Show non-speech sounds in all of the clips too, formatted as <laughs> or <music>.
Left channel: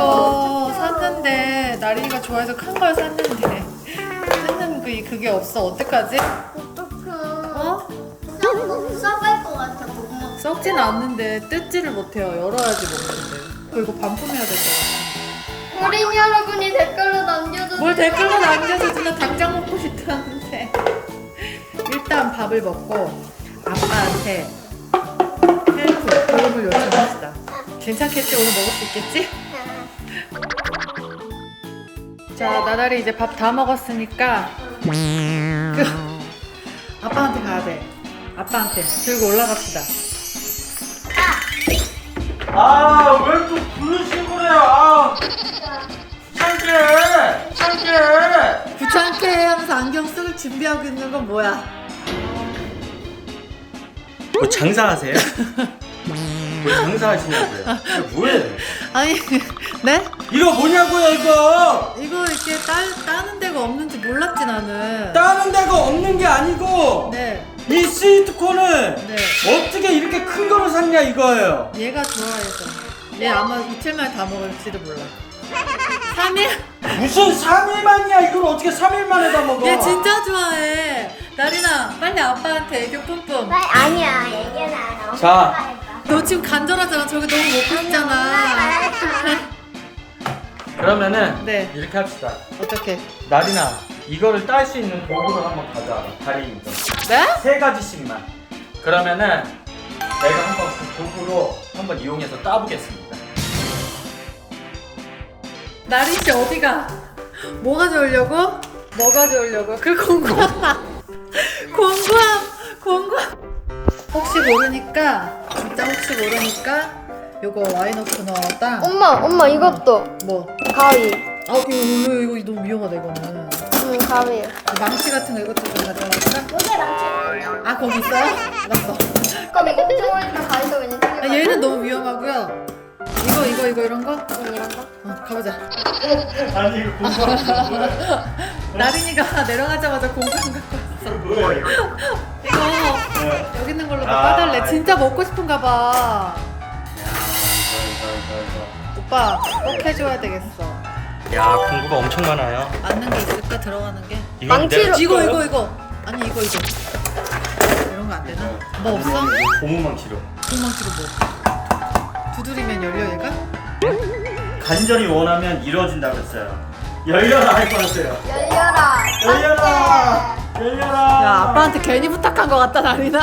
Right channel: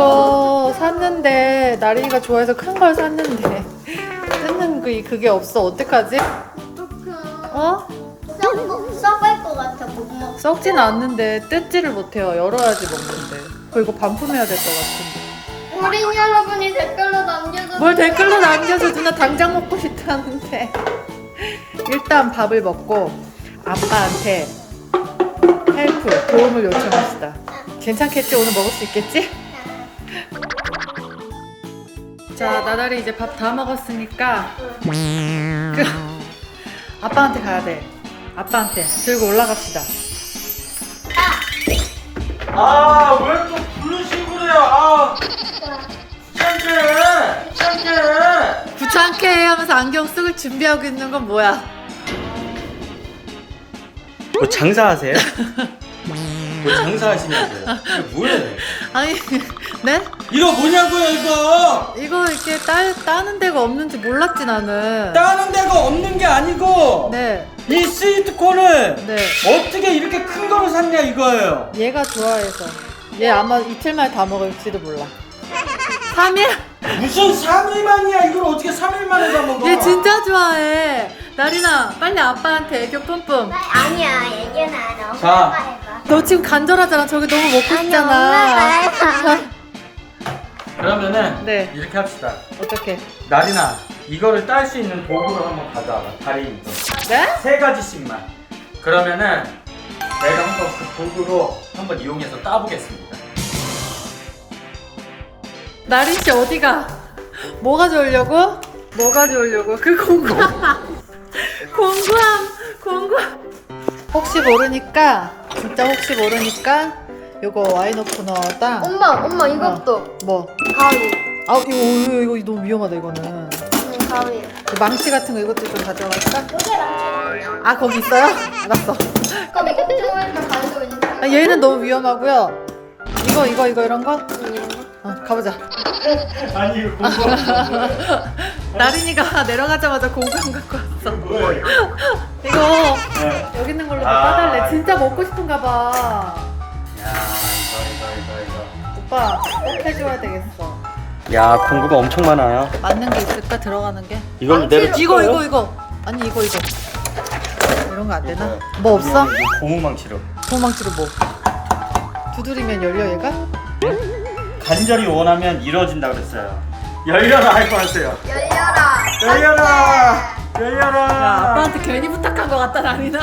이거 샀는데 나린이가 좋아해서 큰 걸 샀는데 뜯는 그 그게 없어 어떡하지? 어? 썩을 것 같아 못 먹어. 썩진 않는데 뜯지를 못해요. 열어야지 먹는데. 그거 이거 반품해야 될 것 같은데. 어린이 여러분이 댓글로 남겨주세요. 뭘 댓글로 남겨서 누나 당장 먹고 싶다는데. 일단 밥을 먹고 아빠한테 헬프 도움을 요청합시다. 괜찮겠지? 오늘 먹을 수 있겠지? 자, 나달이 이제 밥 다 먹었으니까 그, 아빠한테 가야 돼. 아빠한테 들고 올라갑시다. 아, 왜 또 부르시고 그래요? 아, 창피해, 창피해. 귀찮게 해 하면서 안경 쓰고 준비하고 있는 건 뭐야? 뭐 장사하세요? 뭐 장사하시냐고요? 이거 뭐예요? 아니, <laughs> 네? 이거 뭐냐고요, 이거? 이거 이렇게 따, 따는 데가 없는지 몰랐지 나는. 따는 데가 없는 게 아니고 네, 이 스위트콘을 네. 어떻게 이렇게 큰 거를 샀냐 이거예요. 얘가 좋아해서. 얘 아마 이틀 만에 다 먹을지도 몰라. 3일? 무슨 3일만이야 이걸 어떻게 3일 만에 다 먹어? 얘 진짜 좋아해. 나린아, 빨리 아빠한테 애교 뿜뿜. 아니야 얘기는 안 해. 자. 너 지금 간절하잖아. 저기 너무 먹고 싶잖아. <laughs> 그러면은 네. 이렇게 합시다. 어떻게? 나리나 이거를 딸 수 있는 도구를 한번 가져와봐. 다리 있는 네? 세 가지씩만. 그러면은 내가 한번 그 도구로 한번 이용해서 따보겠습니다. 나린 씨 어디가? 뭐 가져오려고? 뭐 가져오려고? 그 공구함. 공구함. 공구함. 혹시 모르니까 진짜 혹시 모르니까 요거 와인 오프너랑 엄마 엄마 이것도 뭐 가위. 아 이거, 이거, 이거 너무 위험하다 이거는 응 가위. 그 망치 같은 거 이것도 좀 가져갈까? 아 거기 있어요? 알았어 그럼 이거 또 가위도 있는 아 얘는 너무 위험하고요 이거 이거 이거 이런 거? 응, 이런 거. 어 가보자 아니 이거 <laughs> 공부하는 나린이가 내려가자마자 공간 갖고 왔어 이거 여기 있는 걸로 더 아, 까달래 진짜 먹고 싶은가 봐 야 이거 이거 이거 오빠 꼭 해줘야 되겠어 이거. 야 공구가 엄청 많아요. 맞는 게 있을까 들어가는 게? 이걸 내려. 이거 이거 이거 아니 이거 이거 이런 거 안 되나? 뭐 없어? 고무망치로. 도망치로 뭐 두드리면 열려 얘가? 간절히 원하면 이루어진다 그랬어요. 열려라 할 거 하세요. 열려라. 열려라. 열려라. 야 아빠한테 괜히 부탁한 거 같다 나리나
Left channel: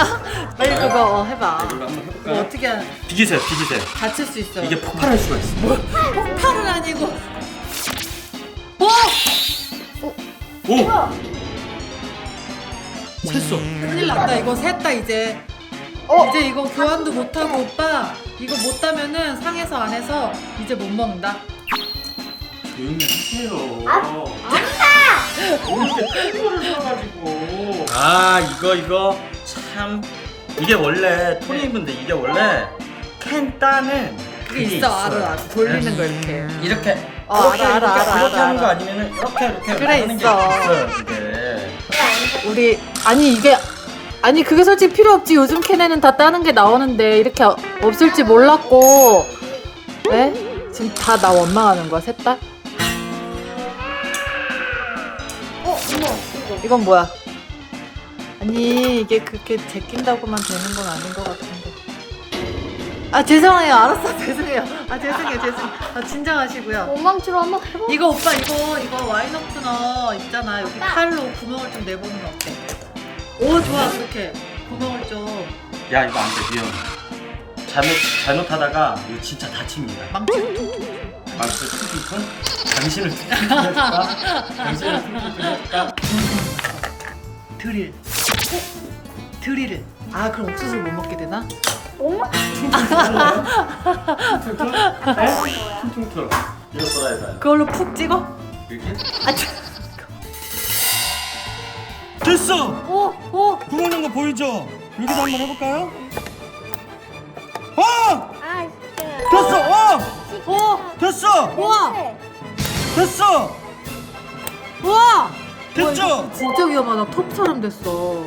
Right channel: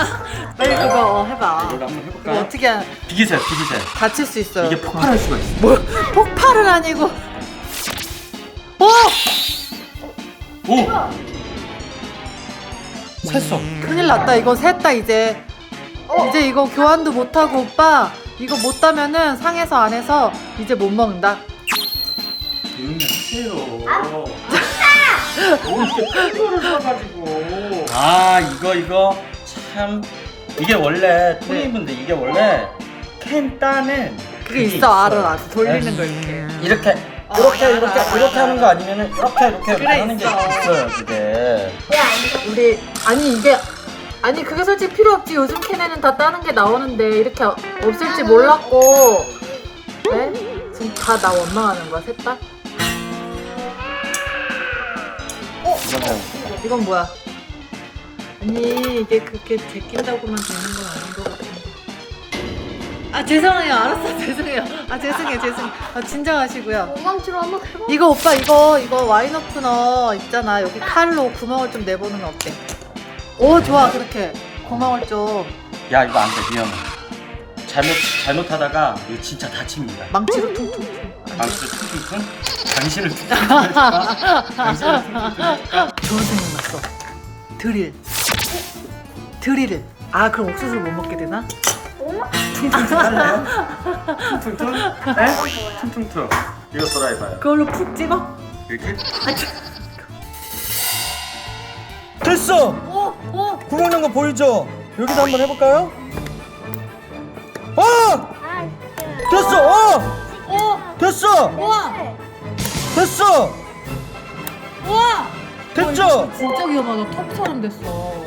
빨리 <laughs> 그거 어, 해봐 이거 한번 그거 해볼까요? 어떻게 하- 비기세요, 비기세요. 다칠 수 있어요 이게 폭발할 수가 있어. 뭐 폭발은 아니고 어! 오. 샜어. 큰일 났다 이거 샜다 이제 이제 이거 교환도 못하고 오빠 이거 못 따면은 상해서 안 해서 이제 못 먹는다 조용히 하세요. 이렇게 사가지고. 아 이거 이거 참 이게 원래 토니인데 이게 원래 캔 따는 그게 있어 알아 알아 돌리는 거 이렇게 이렇게 어, 이렇게 알아, 이렇게 알아, 이렇게 알아, 하는 알아. 거 아니면은 이렇게 이렇게 이렇게 그래, 하는 게 있어. 있어요 이게. 우리 아니 이게 아니 그게 솔직히 필요 없지 요즘 캔에는 다 따는 게 나오는데 이렇게 없을지 몰랐고 네? 지금 다 나 원망하는 거야 셋 다? 어? 어머 이건 뭐야? 아니 이게 그렇게 제낀다고만 되는 건 아닌 것 같은데 아 죄송해요 알았어 <laughs> 죄송해요 아 죄송해요 죄송해요 아 진정하시고요 엉망치로 한번 해봐. 이거 오빠 이거 이거 와인 오프너 있잖아 여기 칼로 구멍을 좀 내보는 거 어때? 오 좋아 그렇게 구멍을 좀 야 이거 안돼 위험해. 잘못 잘못하다가 이거 진짜 다칩니다. 망치로 퉁퉁 아무튼 당신을 퉁퉁퉁 해줄까? 당신을 해줄까? 좋은 생각 났어 드릴 드릴을 아 그럼 옥수수를 못 먹게 되나? 퉁퉁퉁? 네? 퉁퉁퉁. 이거 해봐요. 그걸로 푹 찍어? 이렇게? 아 참. 됐어. 어? 어? 구멍 난거 보이죠? 여기도 한번 해볼까요? 어! 됐어! 우와 됐어! 우와 됐죠? 진짜 위험하다 턱 사람 됐어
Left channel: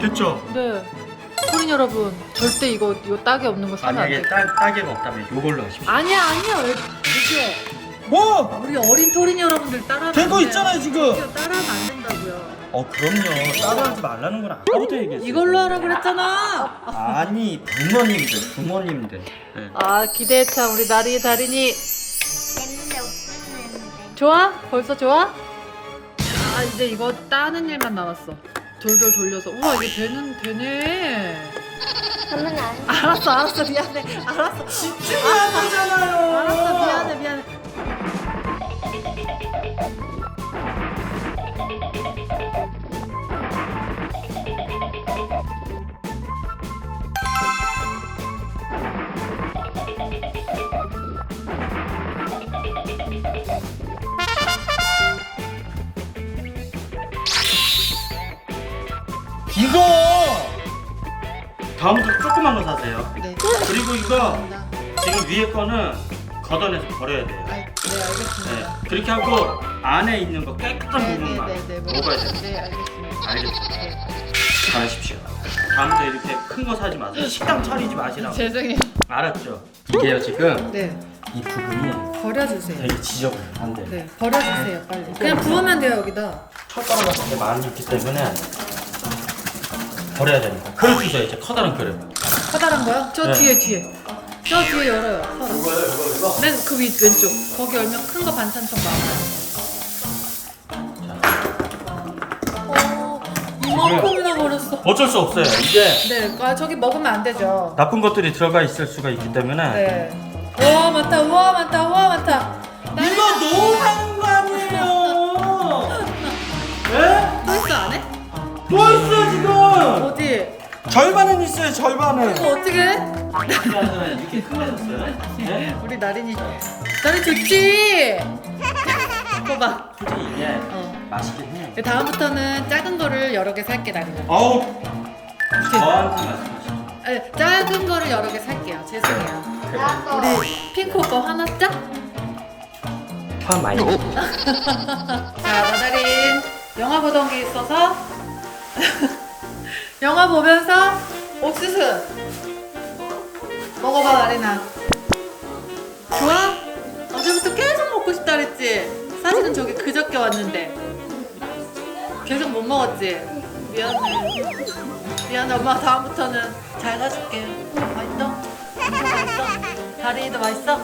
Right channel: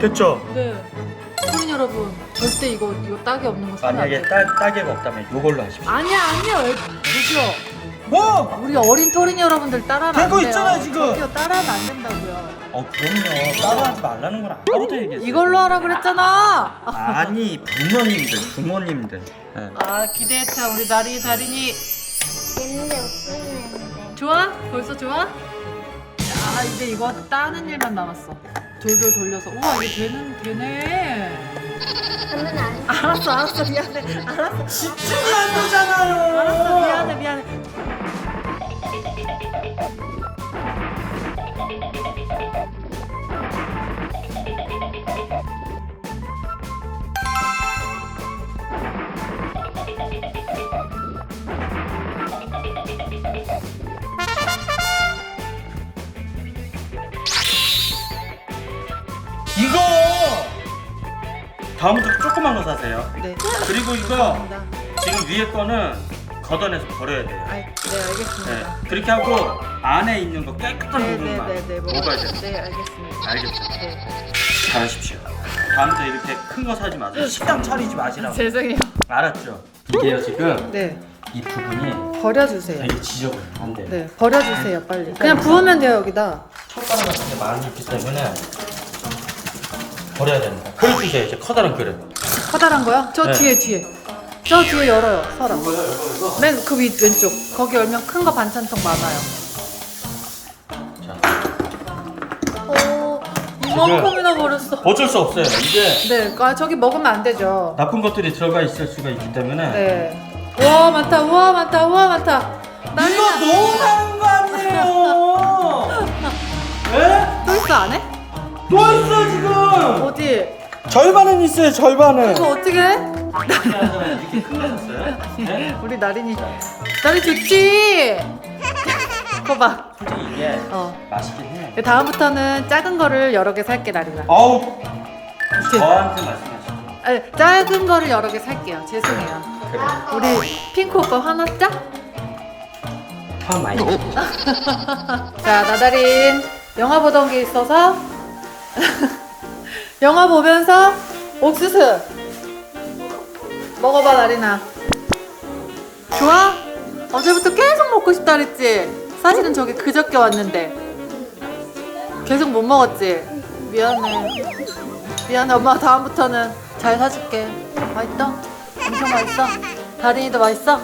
됐죠? 네 소린 여러분 절대 이거 이거 딱이 없는 거 사면 안 만약에 돼. 딸, 딸개가 없다면 이걸로 하십시오. 아니야 아니야 왜- 저기요. 뭐? 우리 어린 토린 여러분들 따라하면 되고 안 돼요. 있잖아요, 지금. 따라하면 안 된다고요. 어 그럼요 따라하지 말라는 건 아까부터 얘기했어요 이걸로 하라 그랬잖아. 아니 부모님들 부모님들 예. 아 기대했다 우리 나리 다린이. 옛날에 웃겼는데. 좋아? 벌써 좋아? 야 이제 이거 따는 일만 남았어. 돌돌 돌려서 우와 이게 되는 되네. <laughs> 알았어 알았어 미안해 알았어 집중이 안 되잖아요 알았어 미안해 미안해. 다음부터 조그만 거 사세요 네. 그리고 이거 감사합니다. 지금 위에 거는 걷어내서 버려야 돼요 아, 네 알겠습니다. 네, 그렇게 하고 안에 있는 거 깨끗한 부분만 네네네네 먹어야 돼요 네 알겠습니다. 알겠죠? 네. 잘하십시오 다음부터 이렇게 큰 거 사지 마세요 식당 차리지 마시라고 죄송해요. 알았죠? 이게요 지금 네 이 부분이 버려주세요. 되게 돼요 네 버려주세요 빨리. 그냥 부으면 돼요 여기다. 철가루 같은 게 많이 있기 때문에 버려야 됩니다 그릇 주세요 이제 커다란 그릇 커다란 거요? 저 네. 뒤에 뒤에. 저 뒤에 열어요. 서랍. 맨그 위 왼쪽. 거기 열면 큰 거 반찬통 많아요. 오 이만큼이나 버렸어. 어쩔 수 없어요 이게 네, 아 저기 먹으면 안 되죠. 나쁜 것들이 들어가 있을 수가 있기 때문에 네. 우와 많다. 우와 많다. 우와 많다. 이거 너무 많은 거 아니에요 에? 벌써 안 해? 또 있어 지금 어디? 절반은 있어요 절반은 이거 어떻게 해? 이렇게 네? 우리 나린이 나린 좋지? 봐봐. 이게 어. 맛있긴 해 다음부터는 작은 거를 여러 개 살게 나린아. 어우 저한테 아니, 작은 거를 여러 개 살게요. 죄송해요. 그래 우리 핑크 오빠 화났죠? 화 많이 <laughs> 자, 나다린 영화 보던 게 있어서 <laughs> 영화 보면서 옥수수 먹어봐, 나린아. 좋아? 어제부터 계속 먹고 싶다 그랬지? 사실은 저기 그저께 왔는데 계속 못 먹었지? 미안해. 미안해, 엄마 다음부터는 잘 사줄게. 맛있어? 엄청 맛있어? 다린이도 맛있어?